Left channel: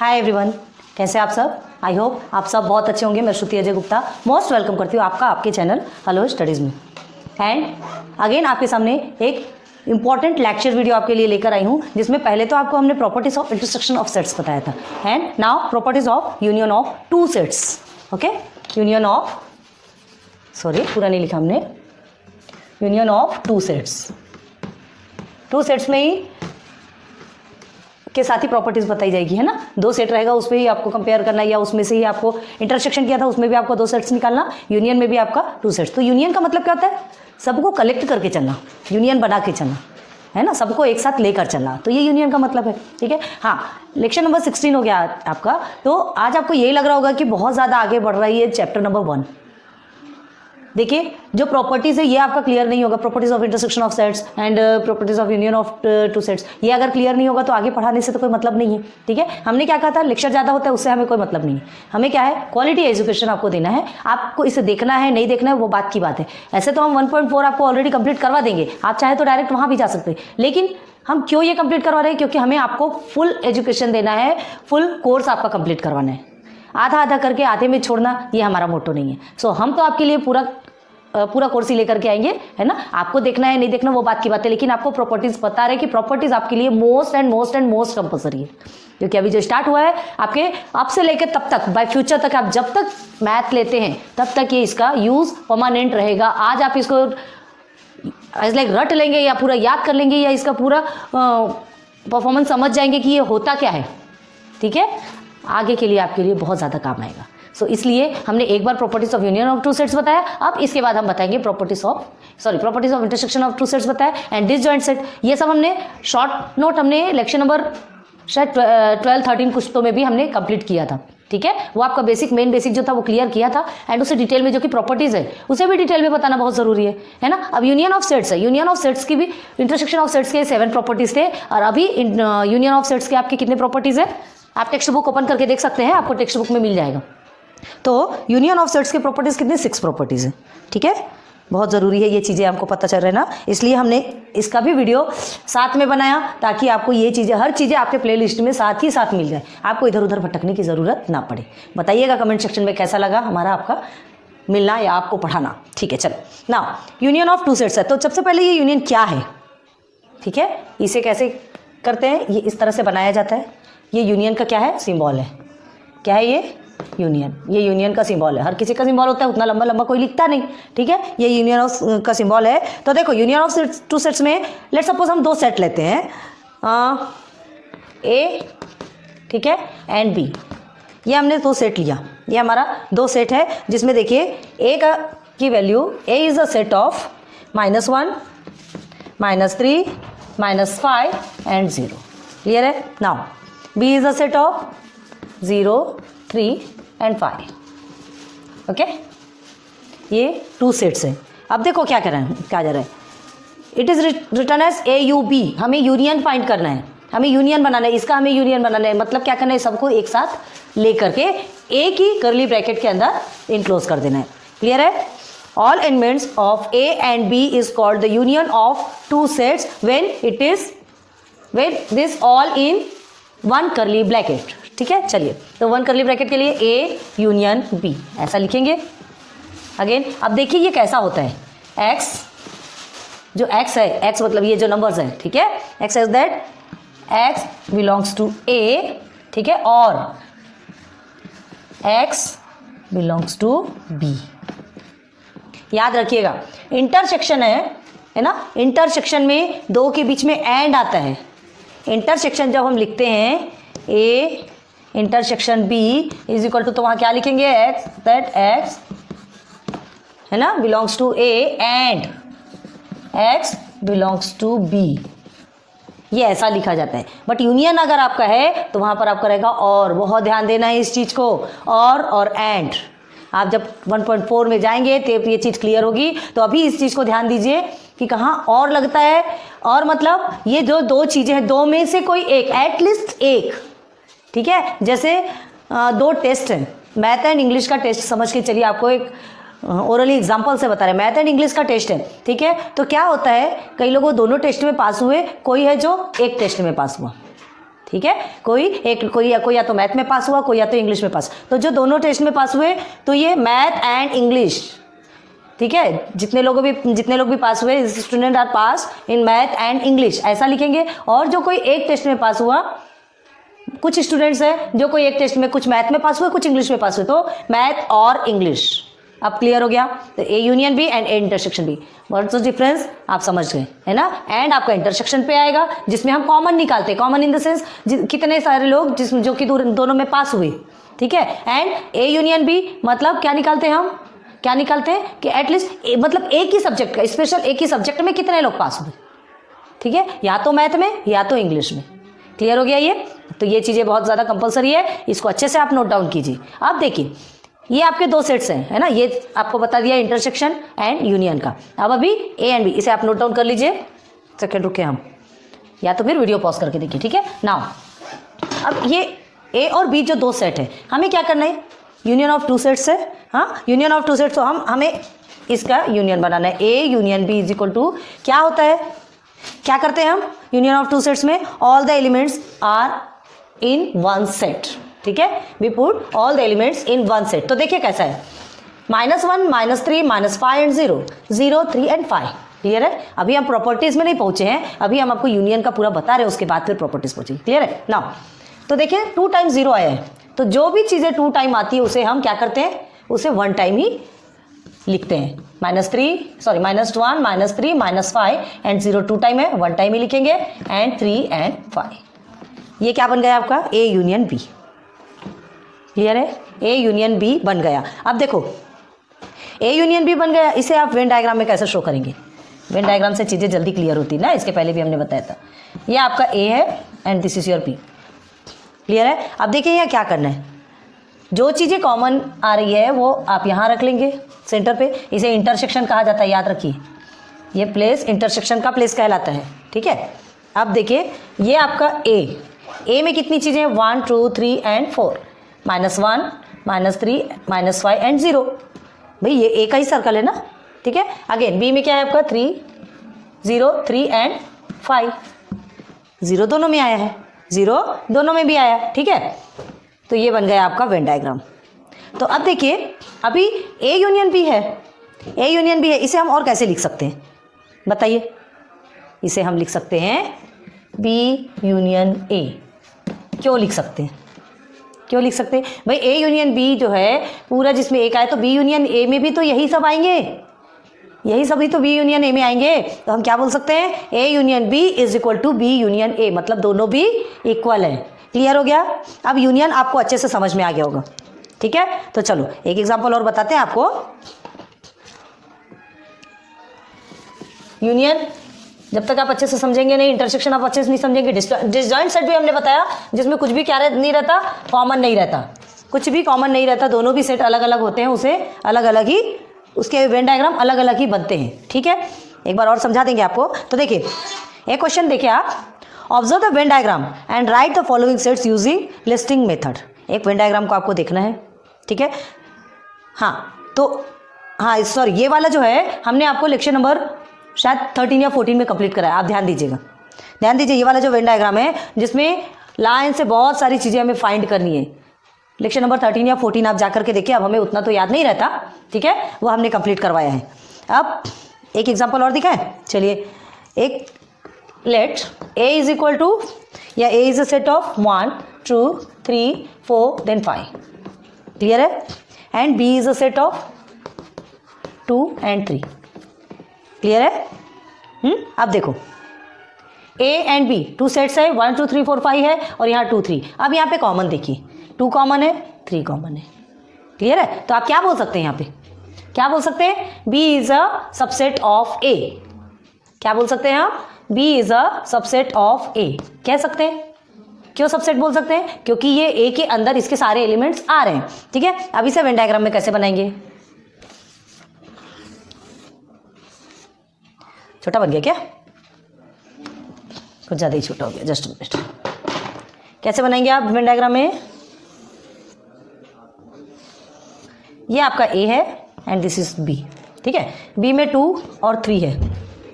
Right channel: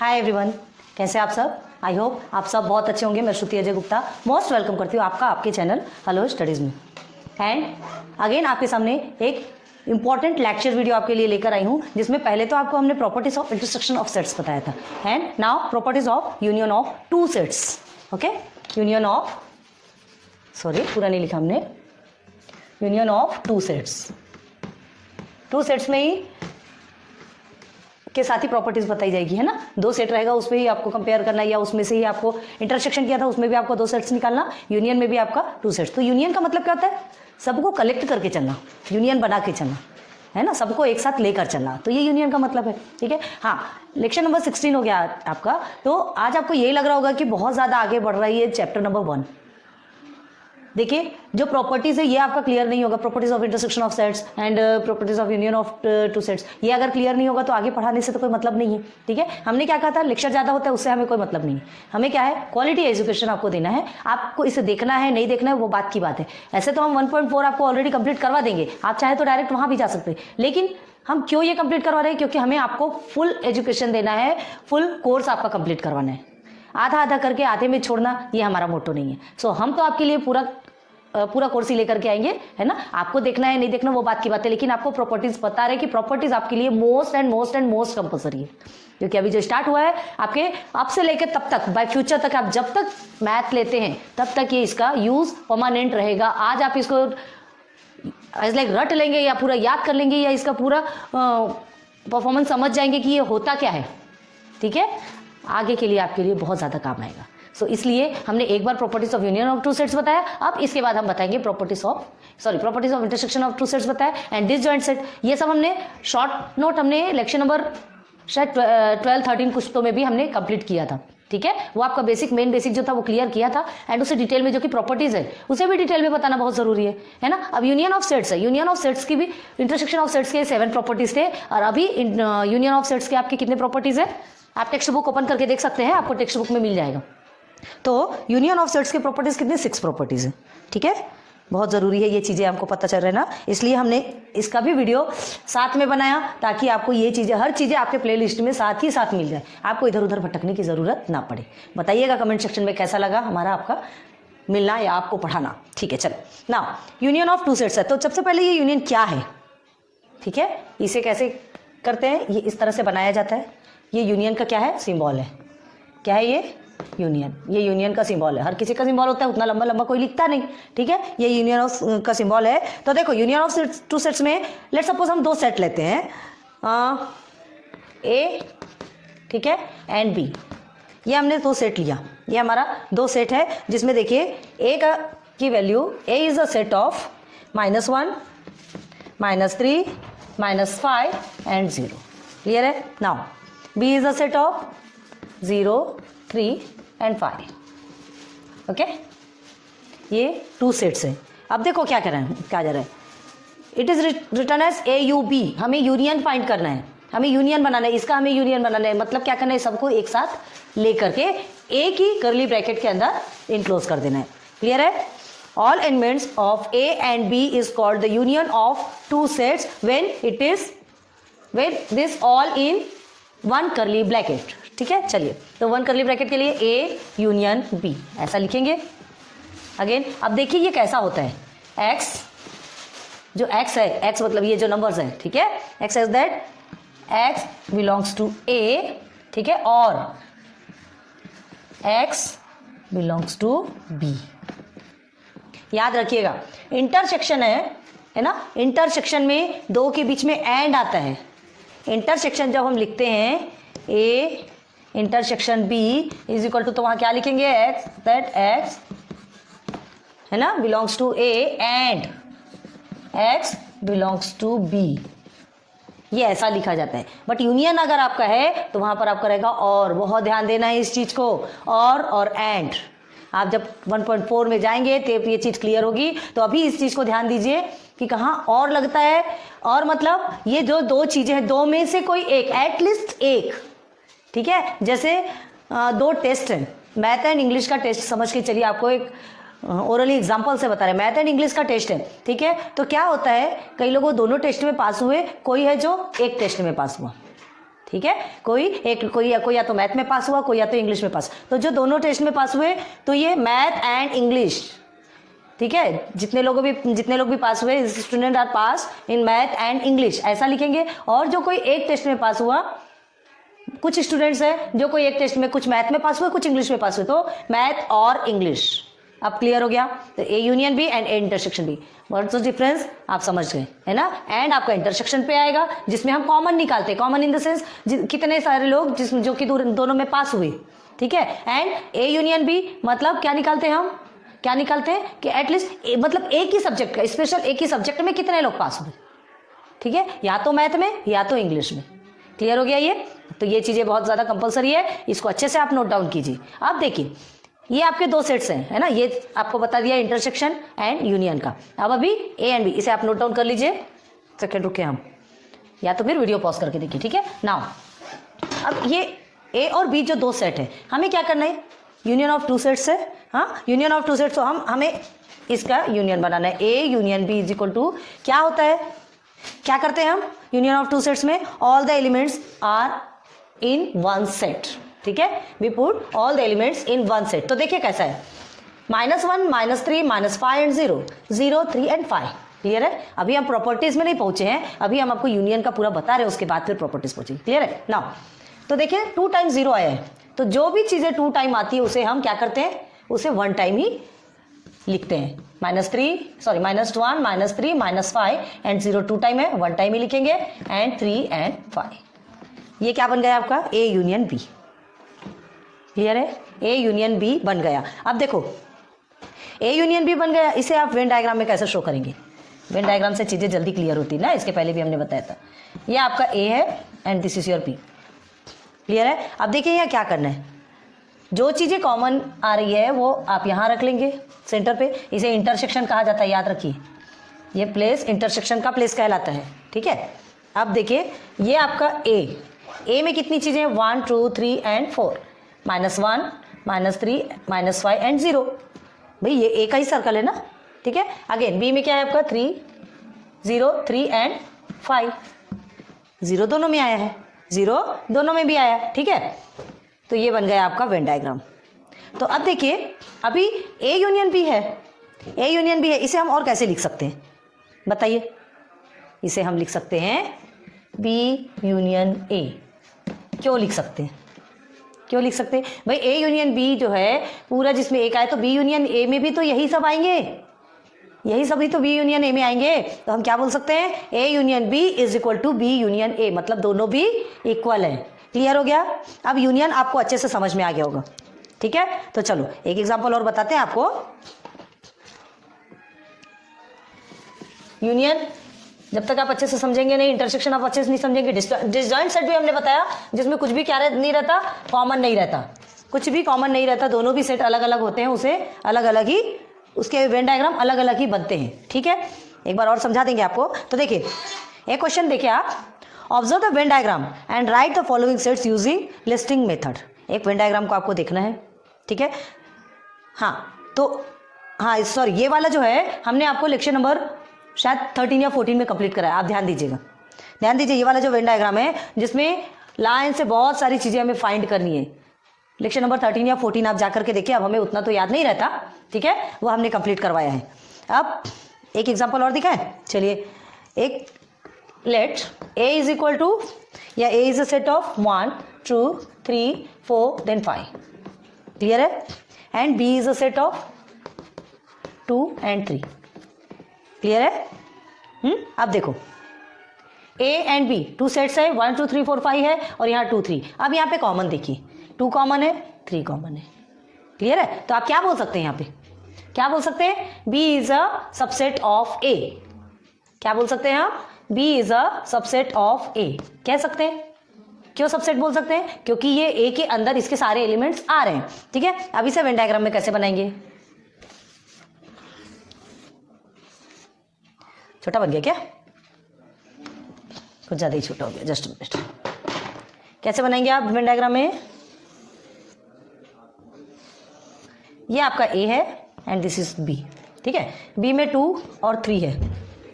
Hi everyone, कैसे आप सब। आई होप आप सब बहुत अच्छे होंगे। मैं श्रुति अजय गुप्ता मोस्ट वेलकम करती हूँ आपका आपके चैनल हेलो स्टडीज़ में। एंड अगेन आपके सामने एक इंपॉर्टेंट लेक्चर वीडियो आपके लिए लेकर आई हूँ, जिसमें पहले तो आपको हमने properties of intersection of sets बताया था and now properties of union of two sets. Okay, union of पूरा नहीं लिखा हमने, union of two sets. Two sets में ही के साथ ही प्रॉपर्टीज बताई जाएगी, है ना। दो सेट रहेगा, उसमें ही आपको कंपेयर करना है, या उसमें से ही आपको इंटरसेक्शन किया था उसमें भी आपको दो सेट्स निकालना, यूनियन में भी आपका टू सेट्स। तो यूनियन का मतलब क्या होता है? सबको कलेक्ट करके चलना, यूनियन बना के चलना, है ना, सबको एक साथ लेकर चलना, तो ये यूनियन का मतलब है। ठीक है, हाँ, लेक्चर नंबर 16 हो गया आपका। तो आज आपको यही लग रहा होगा कि बहुत ज़्यादा आगे बढ़ रही है चैप्टर नंबर 1। देखिए, जो प्रॉपर्टीज है ये आपका क्लियर नहीं होगा, properties of intersection of sets and properties of union of two sets. ये अगर क्लियर नहीं होगा तो आगे पढ़ाने से तो कोई मतलब नहीं है। ठीक है, हमने क्या कहा था, लेक्चर ज़्यादा होता है उससे हमें कोई मतलब नहीं है। हमें क्या है, क्वालिटी एजुकेशन आपको देना है। आपको इसे देखना है नहीं देखना है वो बात की बात है। ऐसे तो हम 1.4 आपको ऑलरेडी कंप्लीट करवा देंगे, आप चाहे तो डायरेक्ट वहाँ भी जा सकते हैं। लेकिन हम क्यों ये कंप्लीट करवा रहे हैं? क्योंकि हमें आपको फुल एजुकेशन देना है, फुल कोर्स आपका कंप्लीट करवाना है। आधा आधा करके आधे में छोड़ना ये हमारा मोटो नहीं है। सो हम तो आपके लिए पूरा कोर्स ही लेकर के आएंगे, है ना। आपको देखना है नहीं देखना वो बात की बात है, लेकिन आपको प्रॉपर्टीज बता रहे कि प्रॉपर्टीज आपके लिए मोस्ट कंपल्सरी है। क्योंकि अभी जो स्टार्ट हुआ है आपके अब से लेकर तब तक, बाय फ्यूचर तक, आप जब तक मैथ लेते हैं तब तक ये इसका यूज परमानेंट रहेगा। आज आप इसको एज लाइक रट लेंगे या पूरा याद कर लेंगे या इसका पूरा परफॉर्मेंस समझ जाएंगे कि ये होता क्या है। ठीक है, आगे के लिए आपके लिए बहुत ज़्यादा काम आएगा। सो इसलिए हमने एक बार properties of union of two sets बताया, अब इसके बाद हम बताएंगे properties of intersection of two sets बताया एंड डिसजॉइंट सेट। ये सब हमने शॉर्ट नोट हमने लेक्चर नंबर शायद 12-13 कुछ तो में भी हमने कंप्लीट किया था। ठीक है, वो आपका मेन बेसिक जो था वो क्लियर किया था एंड उसे डिटेल में जो कि प्रॉपर्टीज है उसे भी डिटेल में बताना बहुत जरूरी है ना। अब यूनियन ऑफ सेट्स है, यूनियन ऑफ सेट्स की भी इंटरसेक्शन ऑफ सेट्स के 7 प्रॉपर्टीज थे और अभी यूनियन ऑफ सेट्स के आपके कितने प्रॉपर्टीज है आप टेक्स्ट बुक ओपन करके देख सकते हैं, आपको टेक्स्ट बुक में मिल जाएगा। तो यूनियन ऑफ सेट्स के प्रॉपर्टीज कितने 6 प्रॉपर्टीज हैं। ठीक है, बहुत ज़रूरी है ये चीज़ें हमको पता चल रहा है ना, इसलिए हमने इसका भी वीडियो साथ में बनाया ताकि आपको ये चीज़ें हर चीज़ें आपके प्लेलिस्ट में साथ ही साथ मिल जाए, आपको इधर उधर भटकने की ज़रूरत ना पड़े। बताइएगा कमेंट सेक्शन में कैसा लगा हमारा आपका मिलना या आपको पढ़ाना। ठीक है, चलो ना, यूनियन ऑफ टू सेट्स है। तो सबसे पहले ये यूनियन क्या है, ठीक है, इसे कैसे करते हैं, ये इस तरह से बनाया जाता है। ये यूनियन का क्या है, सिंबल है। क्या है ये यूनियन, ये यूनियन का सिंबल है। हर किसी का सिंबल होता है, उतना लंबा लंबा कोई लिखता नहीं। ठीक है, ये यूनियन ऑफ का सिंबल है। तो देखो, यूनियन ऑफ टू सेट्स में लेट सपोज हम दो सेट लेते हैं, ए, ठीक है, एंड बी। ये हमने दो सेट लिया, ये हमारा दो सेट है, जिसमें देखिए ए की value, A is a set of -1, -3, -5 and 0। Clear है। Now B is a set of 0, 3 and 5। Okay, ये टू सेट्स हैं। अब देखो क्या जा रहा है, it is return as AUB। हमें यूनियन फाइंड करना है, हमें यूनियन बनाना है, इसका हमें यूनियन बनाना है। मतलब क्या करना है, सबको एक साथ लेकर के ए की कर्ली ब्रैकेट के अंदर इनक्लोज कर देना है। क्लियर है। All elements of A and B is called the union of two sets when this all in one curly bracket। ठीक है, चलिए, तो 1 कर्ली ब्रैकेट के लिए A यूनियन B ऐसा लिखेंगे। अगेन अब देखिए ये कैसा होता है, X जो X है, X मतलब ये जो नंबर्स है, ठीक है, X is that X belongs to A, ठीक है, और X बिलोंग्स टू B। याद रखिएगा, इंटरसेक्शन है ना, इंटरसेक्शन में दो के बीच में एंड आता है। इंटरसेक्शन जब हम लिखते हैं A intersection B is equal to, तो वहाँ क्या लिखेंगे, X दैट X है ना belongs to A and X belongs to B। ये ऐसा लिखा जाता है। बट यूनियन अगर आपका है तो वहाँ पर आपका रहेगा और, बहुत ध्यान देना है इस चीज़ को, और एंड। आप जब 1.4 में जाएंगे तो ये चीज़ क्लियर होगी। तो अभी इस चीज़ को ध्यान दीजिए कि कहाँ और लगता है, और मतलब ये जो दो चीज़ें हैं, दो में से कोई एक, एटलीस्ट एक। ठीक है, जैसे 2 टेस्ट हैं, मैथ एंड इंग्लिश का टेस्ट समझ के चलिए, आपको एक ओरली एग्जांपल से बता रहे हैं। मैथ एंड इंग्लिश का टेस्ट है, ठीक है, तो क्या होता है, कई लोग दोनों टेस्ट में पास हुए, कोई है जो एक टेस्ट में पास हुआ। ठीक है, कोई या तो मैथ में पास हुआ, कोई या तो इंग्लिश में पास। तो जो दोनों टेस्ट में पास हुए तो ये मैथ एंड इंग्लिश, ठीक है, जितने लोग भी पास हुए, student are pass in math and English, ऐसा लिखेंगे। और जो कोई एक टेस्ट में पास हुआ, कुछ स्टूडेंट्स हैं जो कोई एक टेस्ट में कुछ मैथ में पास हुए, कुछ इंग्लिश में पास हुए, तो मैथ और इंग्लिश। अब क्लियर हो गया? तो A union B and A intersection B, what's the difference आप समझ गए, है ना। एंड आपका इंटरसेक्शन पे आएगा जिसमें हम कॉमन निकालते हैं, कॉमन इन द सेंस कितने सारे लोग जो कि दोनों में पास हुए, ठीक है। एंड ए यूनियन बी मतलब क्या निकालते हैं हम, क्या निकालते हैं कि एटलीस्ट मतलब एक ही सब्जेक्ट का, स्पेशल एक ही सब्जेक्ट में कितने लोग पास हुए, ठीक है, या तो मैथ में या तो इंग्लिश में। क्लियर हो गया ये? तो ये चीजें बहुत ज्यादा कंपलसरी है, इसको अच्छे से आप नोट डाउन कीजिए। अब देखिए ये आपके दो सेट्स हैं, है ना, ये आपको बता दिया इंटरसेक्शन एंड यूनियन का। अब अभी ए एंड बी, इसे आप नोट डाउन कर लीजिए। सेकंड रुके हम, या तो फिर वीडियो पॉज करके देखिए, ठीक है। नाउ अब ये ए और बी जो दो सेट है, हमें क्या करना है, यूनियन ऑफ टू सेट्स है। हाँ, यूनियन ऑफ टू सेट्स, तो हमें इसका यूनियन बनाना है। A union B is equal to क्या होता है, क्या करते हैं हम यूनियन ऑफ टू सेट्स में, all the elements are in one set, ठीक है, we put all the elements in one set. तो देखिए कैसा है, -1 -3 -5 एंड 0 0 3 एंड 5। क्लियर है? अभी हम प्रॉपर्टीज में नहीं पहुंचे हैं, अभी हम आपको यूनियन का पूरा बता रहे हैं, उसके बाद फिर प्रॉपर्टीज पहुंचे। क्लियर है? नाउ तो देखिए 2 टाइम्स 0 आया है, तो जो भी चीजें 2 टाइम आती है उसे हम क्या करते हैं, उसे 1 टाइम ही लिखते हैं। -1 -3 -5 एंड 0 2 टाइम है, 1 टाइम ही लिखेंगे, एंड 3 एंड 5। ये क्या बन गया आपका, ए यूनियन बी। क्लियर है? ए यूनियन बी बन गया। अब देखो ए यूनियन बी बन गया, इसे आप वेन डायग्राम में कैसे शो करेंगे, वेन डायग्राम से चीजें जल्दी क्लियर होती है ना, इसके पहले भी हमने बताया था। ये आपका ए है and this is your B. Clear है? अब देखिए यहाँ क्या करना है, जो चीजें कॉमन आ रही है वो आप यहाँ रख लेंगे सेंटर पे, इसे इंटरसेक्शन कहा जाता है, याद रखिए, ये प्लेस इंटरसेक्शन का प्लेस कहलाता है, ठीक है। अब देखिए ये आपका ए में कितनी चीजें, 1 2 3 एंड 4, -1 -3 -5 एंड 0। भाई ये ए का ही सर्कल है ना, ठीक है। अगेन बी में क्या है आपका, 3 0 3 एंड 5, 0 दोनों में आया है, 0 दोनों में भी आया, ठीक है। तो ये बन गया आपका वेन डायग्राम। तो अब देखिए अभी ए यूनियन बी है, ए यूनियन बी है, इसे हम और कैसे लिख सकते हैं बताइए। इसे हम लिख सकते हैं बी यूनियन ए। क्यों लिख सकते हैं, क्यों लिख सकते हैं भाई, ए यूनियन बी जो है पूरा जिसमें एक आए, तो बी यूनियन ए में भी तो यही सब आएंगे, यही सभी तो बी यूनियन ए में आएंगे। तो हम क्या बोल सकते हैं, A union B is equal to be union A, मतलब दोनों भी इक्वल है। क्लियर हो गया? अब यूनियन आपको अच्छे से समझ में आ गया होगा, ठीक है। तो चलो एक एग्जांपल और बताते हैं आपको। यूनियन जब तक आप अच्छे से समझेंगे नहीं, इंटरसेक्शन आप अच्छे से नहीं समझेंगे। डिसजॉइंट सेट भी हमने बताया जिसमें कुछ भी क्या नहीं रहता, कॉमन नहीं रहता, कुछ भी कॉमन नहीं रहता, दोनों भी सेट अलग अलग होते हैं, उसे अलग अलग ही उसके वेन डायग्राम अलग अलग ही बनते हैं, ठीक है। एक बार और समझा देंगे आपको। तो देखिए एक क्वेश्चन देखिए आप, observe the Venn diagram and right the following sets using listing method. एक वेन डायग्राम को आपको देखना है, ठीक है। हाँ तो हाँ सॉरी, ये वाला जो है हमने आपको लेक्चर नंबर शायद 13 या 14 में कंप्लीट कराया, आप ध्यान दीजिएगा, ध्यान दीजिए। ये वाला जो वेन डायग्राम है जिसमें लाइन से बहुत सारी चीज़ें हमें फाइंड करनी है, लेक्चर नंबर 13 या 14 आप जाकर के देखिए, अब हमें उतना तो याद नहीं रहता, ठीक है, वो हमने कंप्लीट करवाया है। अब एक एग्जांपल और दिखाएं, चलिए। एक late A is equal to, या ए is a set of 1 2 3 4 then 5। Clear है? And B is a set of 2 and 3। Clear है? अब देखो ए एंड बी 2 सेट्स है, 1 2 3 4 5 है, और यहाँ 2 3। अब यहाँ पे कॉमन देखिए, 2 कॉमन है, 3 कॉमन है। क्लियर है? तो आप क्या बोल सकते हैं यहाँ पे, क्या बोल सकते हैं, B is a subset of ए। क्या बोल सकते हैं आप, B is a subset of ए कह सकते हैं। क्यों सबसेट बोल सकते हैं, क्योंकि ये ए के अंदर इसके सारे एलिमेंट्स आ रहे हैं, ठीक है। अब इसे वेन डायग्राम में कैसे बनाएंगे, छोटा बन गया क्या, कुछ ज़्यादा ही छोटा हो गया, जस्ट मिनट। कैसे बनाएंगे आप वेन डायग्राम में, ये आपका ए है एंड दिस इज बी, ठीक है। बी में 2 और 3 है,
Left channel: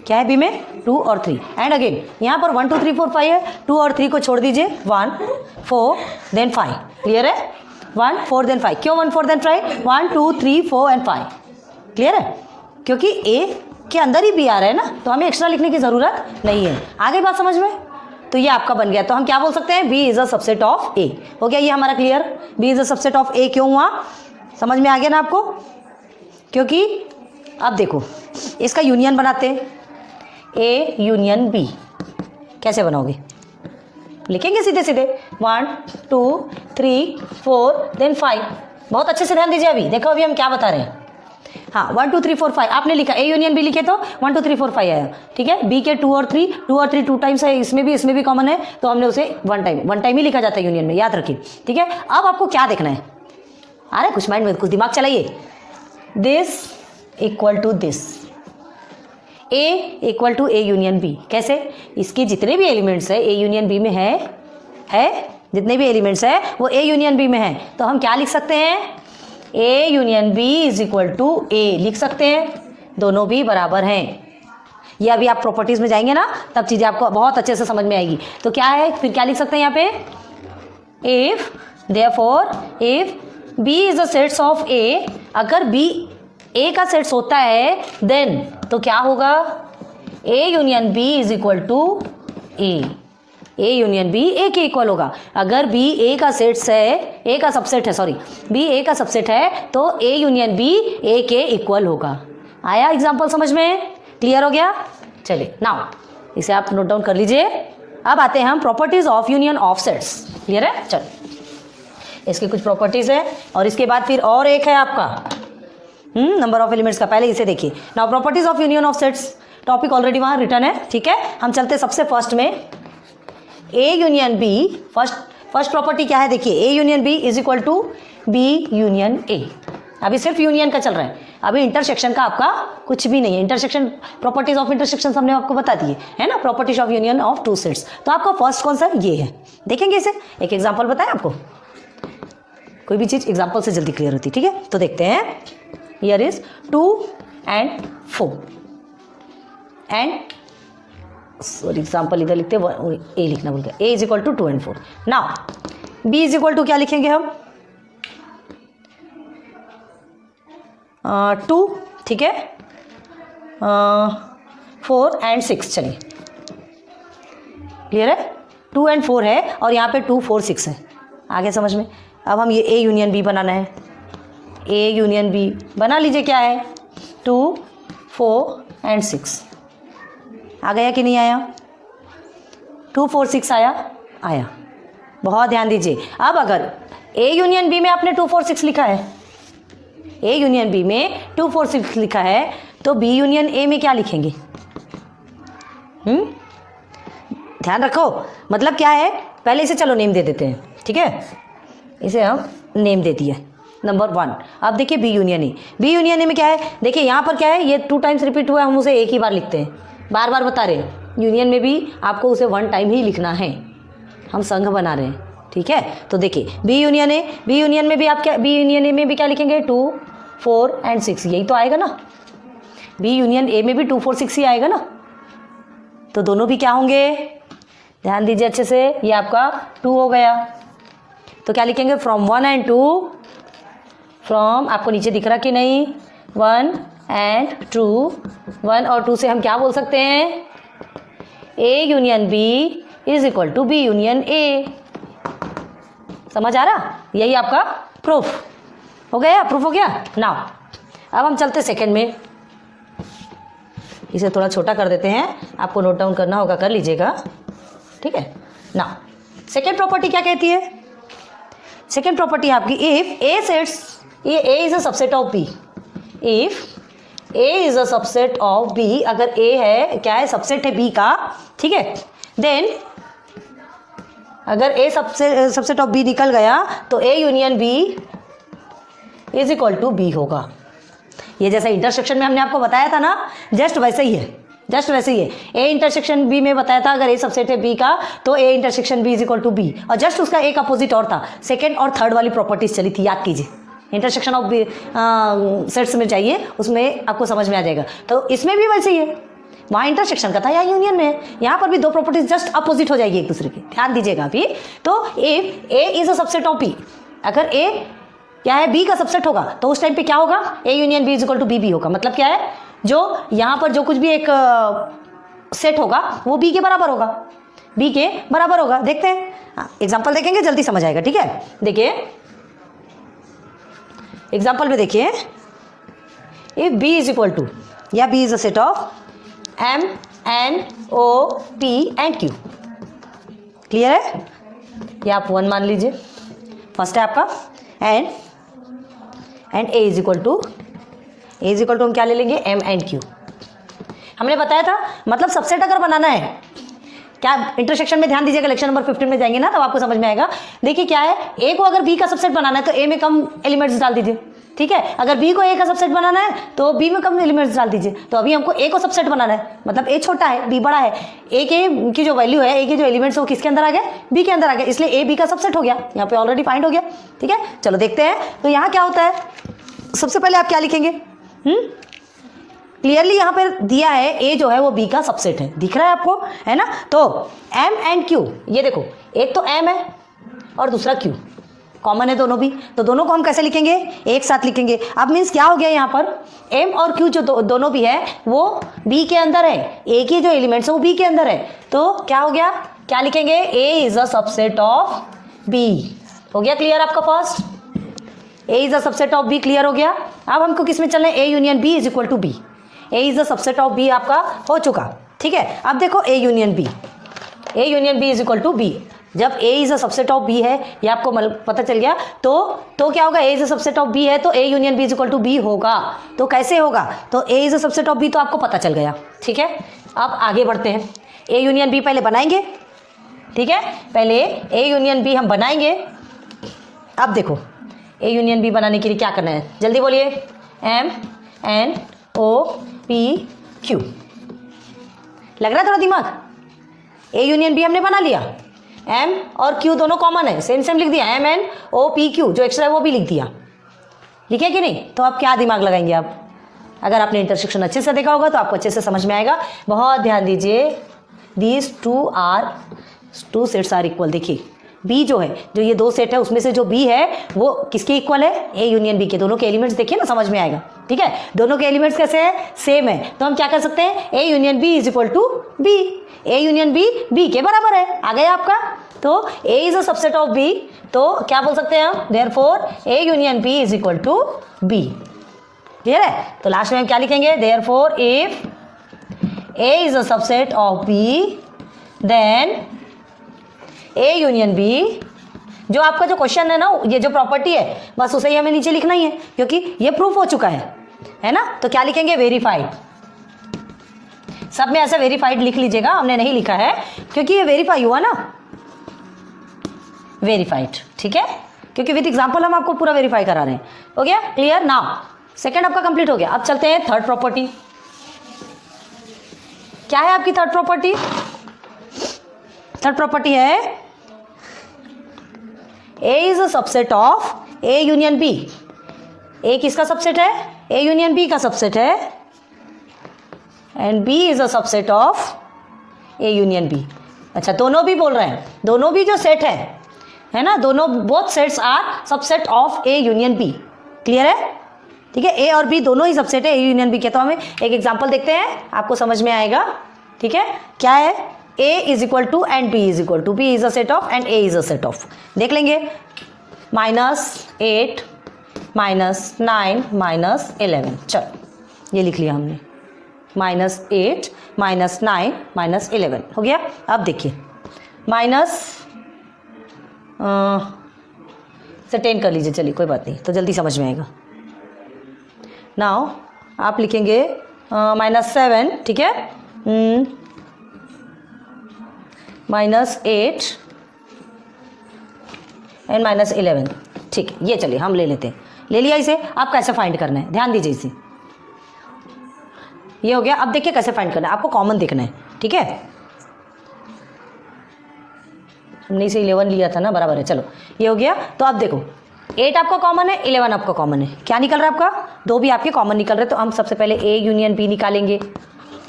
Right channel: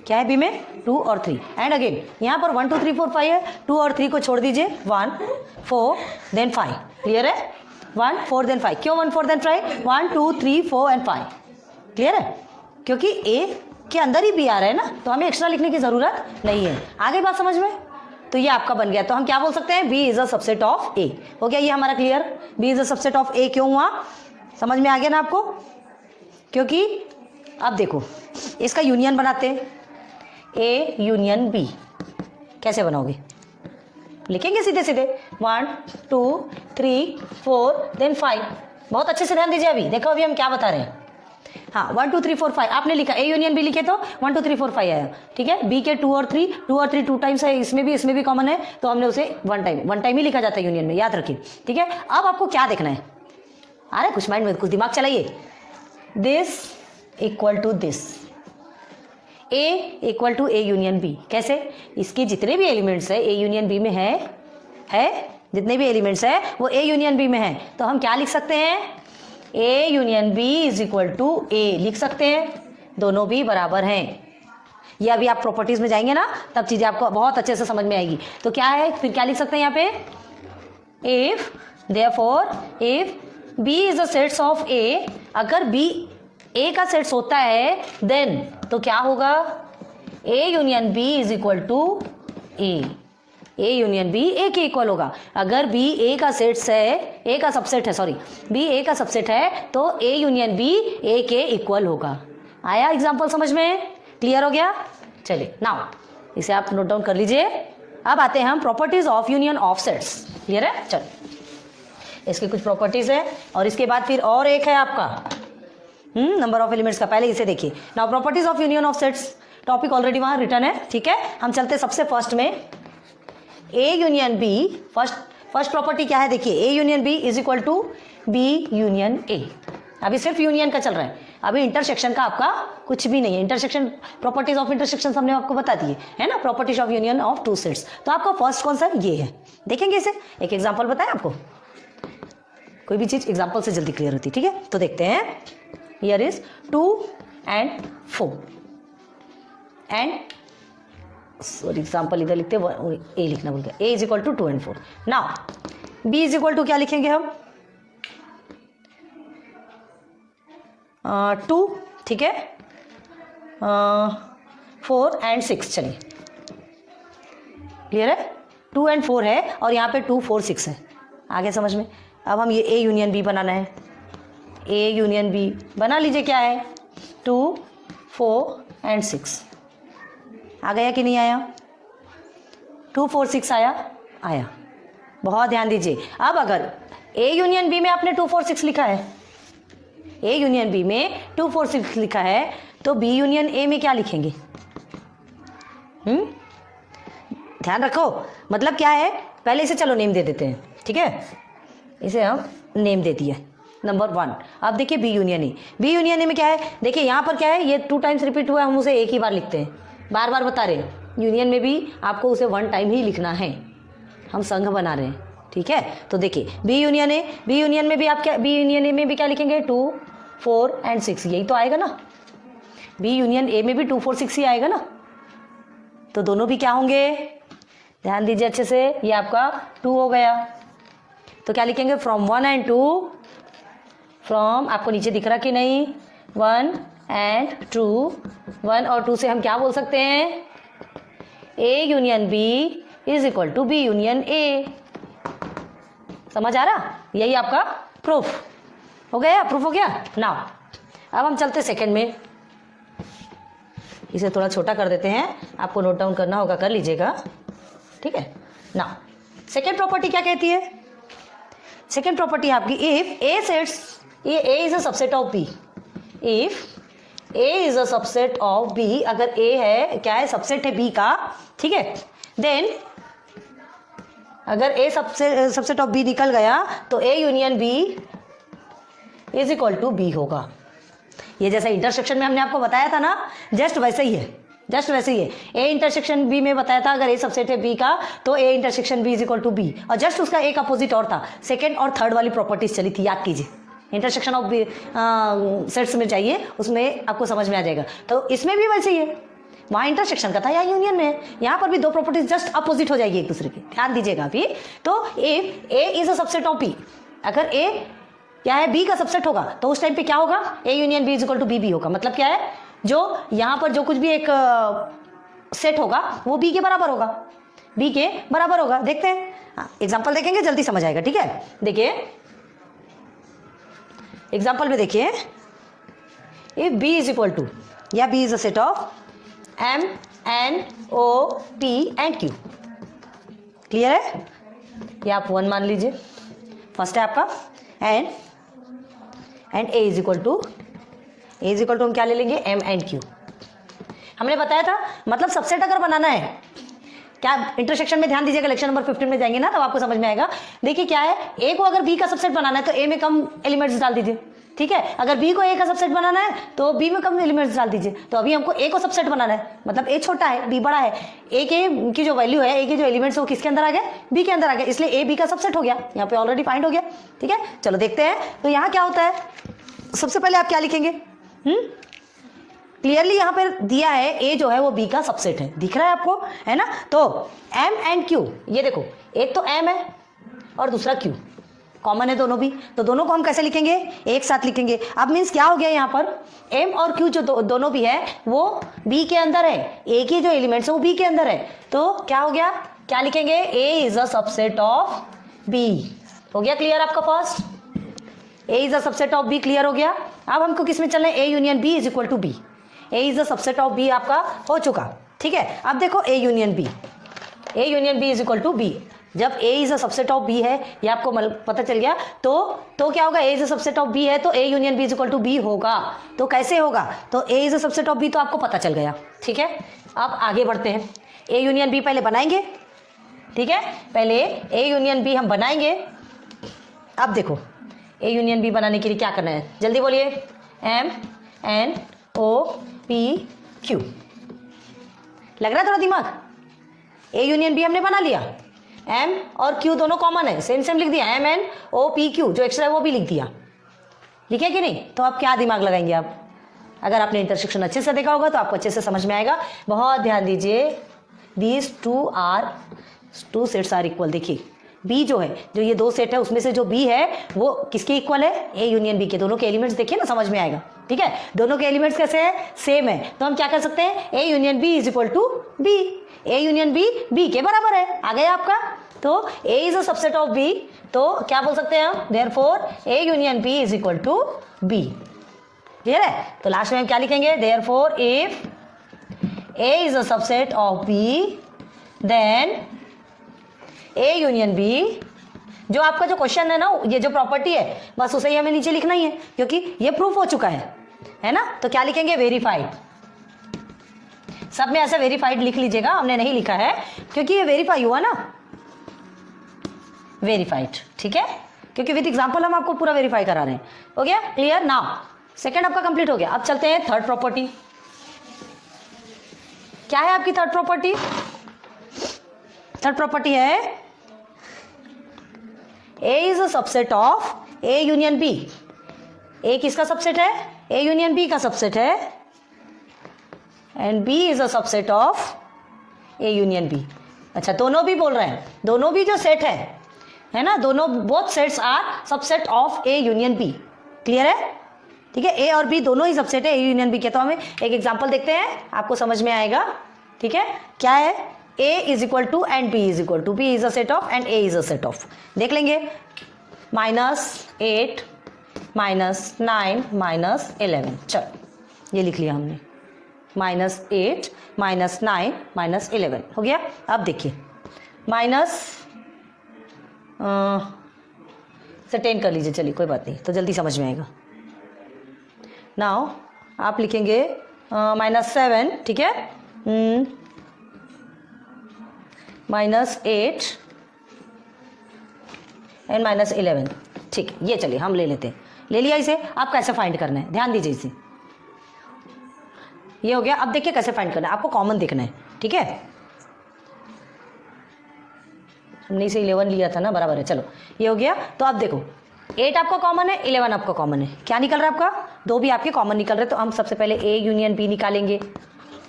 क्या है बी में 2 और 3 एंड अगेन यहाँ पर 1 2 3 4 5 है, 2 और 3 को छोड़ दीजिए, 1 4 देन 5, क्लियर है, 1 4 देन 5, क्यों 1 4 देन 5, 1 2 3 4 एंड 5, क्लियर है, क्योंकि ए के अंदर ही बी आ रहा है ना, तो हमें एक्स्ट्रा लिखने की ज़रूरत नहीं है। आगे बात समझ में, तो ये आपका बन गया। तो हम क्या बोल सकते हैं, B is a subset of ए। हो गया ये हमारा clear, B is a subset of ए क्यों हुआ, समझ में आ गया ना आपको, क्योंकि अब देखो इसका यूनियन बनाते हैं, ए यूनियन बी, कैसे बनाओगे, लिखेंगे सीधे सीधे 1 2 3 4 देन 5, बहुत अच्छे से ध्यान दीजिए, अभी देखो अभी हम क्या बता रहे हैं। हाँ 1 2 3 4 5 आपने लिखा, ए यूनियन बी लिखे तो 1 2 3 4 5 आया, ठीक है, बी के 2 और 3 2 टाइम्स है, इसमें भी कॉमन है, तो हमने उसे वन टाइम ही लिखा जाता है यूनियन में, याद रखिए, ठीक है। अब आपको क्या देखना है, अरे कुछ माइंड में कुछ दिमाग चलाइए, this equal to this, A equal to A union B, कैसे, इसकी जितने भी एलिमेंट्स है ए यूनियन बी में है जितने भी एलिमेंट्स है वो ए यूनियन बी में है, तो हम क्या लिख सकते हैं, A union B is equal to ए लिख सकते हैं, दोनों भी बराबर हैं। ये अभी आप प्रॉपर्टीज में जाएंगे ना तब चीज़ें आपको बहुत अच्छे से समझ में आएगी। तो क्या है, फिर क्या लिख सकते हैं यहाँ पे, if therefore if B is the sets of ए, अगर बी ए का सेट्स होता है देन तो क्या होगा, A union B is equal to A union B ए के इक्वल होगा। अगर बी ए का सेट्स है, ए का सबसेट है, सॉरी बी ए का सबसेट है तो ए यूनियन बी ए के इक्वल होगा। आया एग्जाम्पल समझ में, क्लियर हो गया, चलिए नाउ इसे आप नोट डाउन कर लीजिए। अब आते हैं हम properties of union of sets, clear है, चलो इसकी कुछ प्रॉपर्टीज है और इसके बाद फिर और एक है आपका नंबर ऑफ एलिमेंट्स का, पहले इसे देखिए। Now properties of union of sets, topic already वहां रिटर्न है, ठीक है। हम चलते सबसे फर्स्ट में, A union B, first property क्या है देखिए, A union B is equal to be union A. अभी सिर्फ यूनियन का चल रहा है, अभी इंटरसेक्शन का आपका कुछ भी नहीं है। इंटरसेक्शन, प्रॉपर्टीज ऑफ इंटरसेक्शन हमने आपको बता दिए है ना, properties of union of two sets. तो आपका फर्स्ट कौन सा ये है, देखेंगे इसे, एक एग्जाम्पल बताएं आपको, कोई भी चीज एग्जाम्पल से जल्दी क्लियर होती है, ठीक है। तो देखते हैं, here is 2 and 4 and sorry example इधर लिखते हैं, ए लिखना भूल गया, ए is equal to 2 and 4। Now B is equal to क्या लिखेंगे हम, 2, ठीक है, 4 and 6, चलिए क्लियर है, 2 and 4 है और यहाँ पे 2 4 6 है, आगे समझ में। अब हम ये ए यूनियन बी बनाना है, ए यूनियन बी बना लीजिए, क्या है 2 4 and 6, आ गया कि नहीं आया, 2 4 6 आया, बहुत ध्यान दीजिए। अब अगर ए यूनियन बी में आपने 2 4 6 लिखा है, ए यूनियन बी में 2 4 6 लिखा है, तो बी यूनियन ए में क्या लिखेंगे, ध्यान रखो, मतलब क्या है, पहले इसे चलो नेम दे देते हैं, ठीक है, इसे हम नेम दे दिए नंबर 1। अब देखिए B union A, B union A में क्या है, देखिए यहाँ पर क्या है, ये 2 टाइम्स रिपीट हुआ है, हम उसे एक ही बार लिखते हैं, बार बार बता रहे हैं, यूनियन में भी आपको उसे 1 टाइम ही लिखना है, हम संघ बना रहे हैं, ठीक है। तो देखिए B union A, B union में भी आप क्या, बी यूनियन ए में भी क्या लिखेंगे, 2 4 and 6, यही तो आएगा ना, बी यूनियन ए में भी 2 4 6 ही आएगा ना, तो दोनों भी क्या होंगे, ध्यान दीजिए अच्छे से, ये आपका 2 हो गया, तो क्या लिखेंगे, फ्रॉम 1 and 2, फ्रॉम आपको नीचे दिख रहा कि नहीं, 1 and 2, 1 और 2 से हम क्या बोल सकते हैं, A union B is equal to be union A, समझ आ रहा, यही आपका प्रूफ हो गया, प्रूफ हो गया। नाउ अब हम चलते सेकंड में, इसे थोड़ा छोटा कर देते हैं, आपको नोट डाउन करना होगा कर लीजिएगा, ठीक है। नाउ सेकंड प्रॉपर्टी क्या कहती है, सेकंड प्रॉपर्टी आपकी, इफ ए सेट्स, ये ए is a subset of B, if A is a subset of B, अगर ए है क्या है, सबसेट है बी का, ठीक है, देन अगर ए सबसेट ऑफ बी निकल गया तो A union B is equal to be होगा। ये जैसा इंटरसेक्शन में हमने आपको बताया था ना, जस्ट वैसे ही है, जस्ट वैसे ही है। ए इंटरसेक्शन बी में बताया था, अगर ए सबसेट है बी का तो A intersection B is equal to be, और जस्ट उसका एक अपोजिट और था, सेकेंड और थर्ड वाली प्रॉपर्टीज चली थी, याद कीजिए, इंटरसेक्शन ऑफ सेट्स में चाहिए, उसमें आपको समझ में आ जाएगा। तो इसमें भी वैसे ही है, वहाँ इंटरसेक्शन का था, यहाँ यूनियन में है। यहाँ पर भी दो प्रॉपर्टीज जस्ट अपोजिट हो जाएगी एक दूसरे की, ध्यान दीजिएगा अभी। तो if A is a subset of B, अगर ए क्या है बी का सबसेट होगा तो उस टाइम पे क्या होगा, A union B is equal to be भी होगा। मतलब क्या है, जो यहाँ पर जो कुछ भी एक सेट होगा वो बी के बराबर होगा, बी के बराबर होगा। देखते हैं एग्जाम्पल देखेंगे, जल्दी समझ आएगा, ठीक है। देखिए एग्जाम्पल में देखिए, if B is equal to, या B is a set of M N O P and Q, clear है। ये आप 1 मान लीजिए, फर्स्ट है आपका and A is equal to हम क्या ले लेंगे, एम एंड क्यू। हमने बताया था मतलब सबसेट अगर बनाना है, क्या इंटरसेक्शन में ध्यान दीजिएगा, लेक्चर नंबर 15 में जाएंगे ना तो आपको समझ में आएगा। देखिए क्या है, ए को अगर बी का सबसेट बनाना है तो ए में कम एलिमेंट्स डाल दीजिए, ठीक है। अगर बी को ए का सबसेट बनाना है तो बी में कम एलिमेंट्स डाल दीजिए। तो अभी हमको ए को सबसेट बनाना है, मतलब ए छोटा है बी बड़ा है, ए के की जो वैल्यू है, ए के जो एलिमेंट्स है वो किसके अंदर आ गए, बी के अंदर आ गए, इसलिए ए बी का सबसेट हो गया, यहाँ पे ऑलरेडी फाइंड हो गया, ठीक है। चलो देखते हैं तो यहाँ क्या होता है। सबसे पहले आप क्या लिखेंगे, क्लियरली यहाँ पर दिया है ए जो है वो बी का सबसेट है, दिख रहा है आपको, है ना। तो एम एंड क्यू, ये देखो एक तो एम है और दूसरा क्यू, कॉमन है दोनों भी, तो दोनों को हम कैसे लिखेंगे, एक साथ लिखेंगे। अब मीन्स क्या हो गया, यहाँ पर एम और क्यू जो दोनों भी है वो बी के अंदर है, ए के जो एलिमेंट्स है वो बी के अंदर है, तो क्या हो गया, क्या लिखेंगे, ए is a subset of B. हो गया क्लियर आपका first, A is a subset of B, clear हो गया। अब हमको किस में चलना है, A union B is equal to be, A is the subset of B आपका हो चुका, ठीक है। अब देखो A union B is equal to be, जब ए is a subset of B है ये आपको पता चल गया, तो क्या होगा, ए is a subset of B है तो A union B is equal to be होगा। तो कैसे होगा, तो ए is a subset of B तो आपको पता चल गया, ठीक है। अब आगे बढ़ते हैं, ए यूनियन बी पहले बनाएंगे, ठीक है, पहले ए यूनियन बी हम बनाएंगे। अब देखो ए यूनियन बी बनाने के लिए क्या करना है, जल्दी बोलिए, M N O P Q, लग रहा है थोड़ा दिमाग। ए यूनियन बी हमने बना लिया, एम और क्यू दोनों कॉमन है, सेम सेम लिख दिया, M N O P Q, जो एक्स्ट्रा है वो भी लिख दिया, लिखे कि नहीं। तो अब क्या दिमाग लगाएंगे आप, अगर आपने इंटरसेक्शन अच्छे से देखा होगा तो आपको अच्छे से समझ में आएगा। बहुत ध्यान दीजिए, these two sets are equal. देखिए बी जो है, जो ये दो सेट है उसमें से जो बी है वो किसके इक्वल है, ए यूनियन बी के। दोनों के एलिमेंट्स देखिए ना, समझ में आएगा, ठीक है। दोनों के एलिमेंट्स कैसे हैं, सेम है, तो हम क्या कर सकते हैं, A union B is equal to be, A union B B के बराबर है, आ गया आपका। तो ए is a subset of B, तो क्या बोल सकते हैं हम, therefore A union B is equal to be, clear है। तो लास्ट में हम क्या लिखेंगे, therefore if A is a subset of B then A union B, जो आपका जो क्वेश्चन है ना, ये जो प्रॉपर्टी है बस उसे ही हमें नीचे लिखना ही है, क्योंकि ये प्रूफ हो चुका है ना। तो क्या लिखेंगे, वेरीफाइड, सब में ऐसा वेरीफाइड लिख लीजिएगा, हमने नहीं लिखा है क्योंकि ये वेरीफाई हुआ ना, वेरीफाइड, ठीक है, क्योंकि विद एग्जांपल हम आपको पूरा वेरीफाई करा रहे हैं। हो गया क्लियर, नाउ सेकंड आपका कंप्लीट हो गया। अब चलते हैं थर्ड प्रॉपर्टी। क्या है आपकी थर्ड प्रॉपर्टी, थर्ड प्रॉपर्टी है A is a subset of A union B। A किसका सबसेट है, A यूनियन B का सबसेट है, and B is a subset of A union B। अच्छा, दोनों भी बोल रहे हैं, दोनों भी जो सेट है ना, दोनों both sets are subset of A union B, clear है, ठीक है। A और B दोनों ही सबसेट है A यूनियन B के। तो हमें एक एग्जांपल देखते हैं, आपको समझ में आएगा, ठीक है। क्या है, A is equal to and B is equal to, B is a set of and A is a set of. देख लेंगे, -8 -9 -11, चलो ये लिख लिया हमने, -8 -9 -11 हो गया। अब देखिए माइनस से 10 कर लीजिए, चलिए कोई बात नहीं, तो जल्दी समझ में आएगा। नाउ आप लिखेंगे -7, ठीक है, -8 एंड -11, ठीक है। ये चलिए हम ले लेते हैं, ले लिया इसे। आप कैसे फाइंड करना है, ध्यान दीजिए इसे, ये हो गया। अब देखिए कैसे फाइंड करना है, आपको कॉमन देखना है, ठीक है। हमने इसे 11 लिया था ना, बराबर है, चलो ये हो गया। तो अब देखो 8 आपका कॉमन है, 11 आपका कॉमन है, क्या निकल रहा है आपका, दो भी आपके कॉमन निकल रहे हैं। तो हम सबसे पहले A यूनियन B निकालेंगे,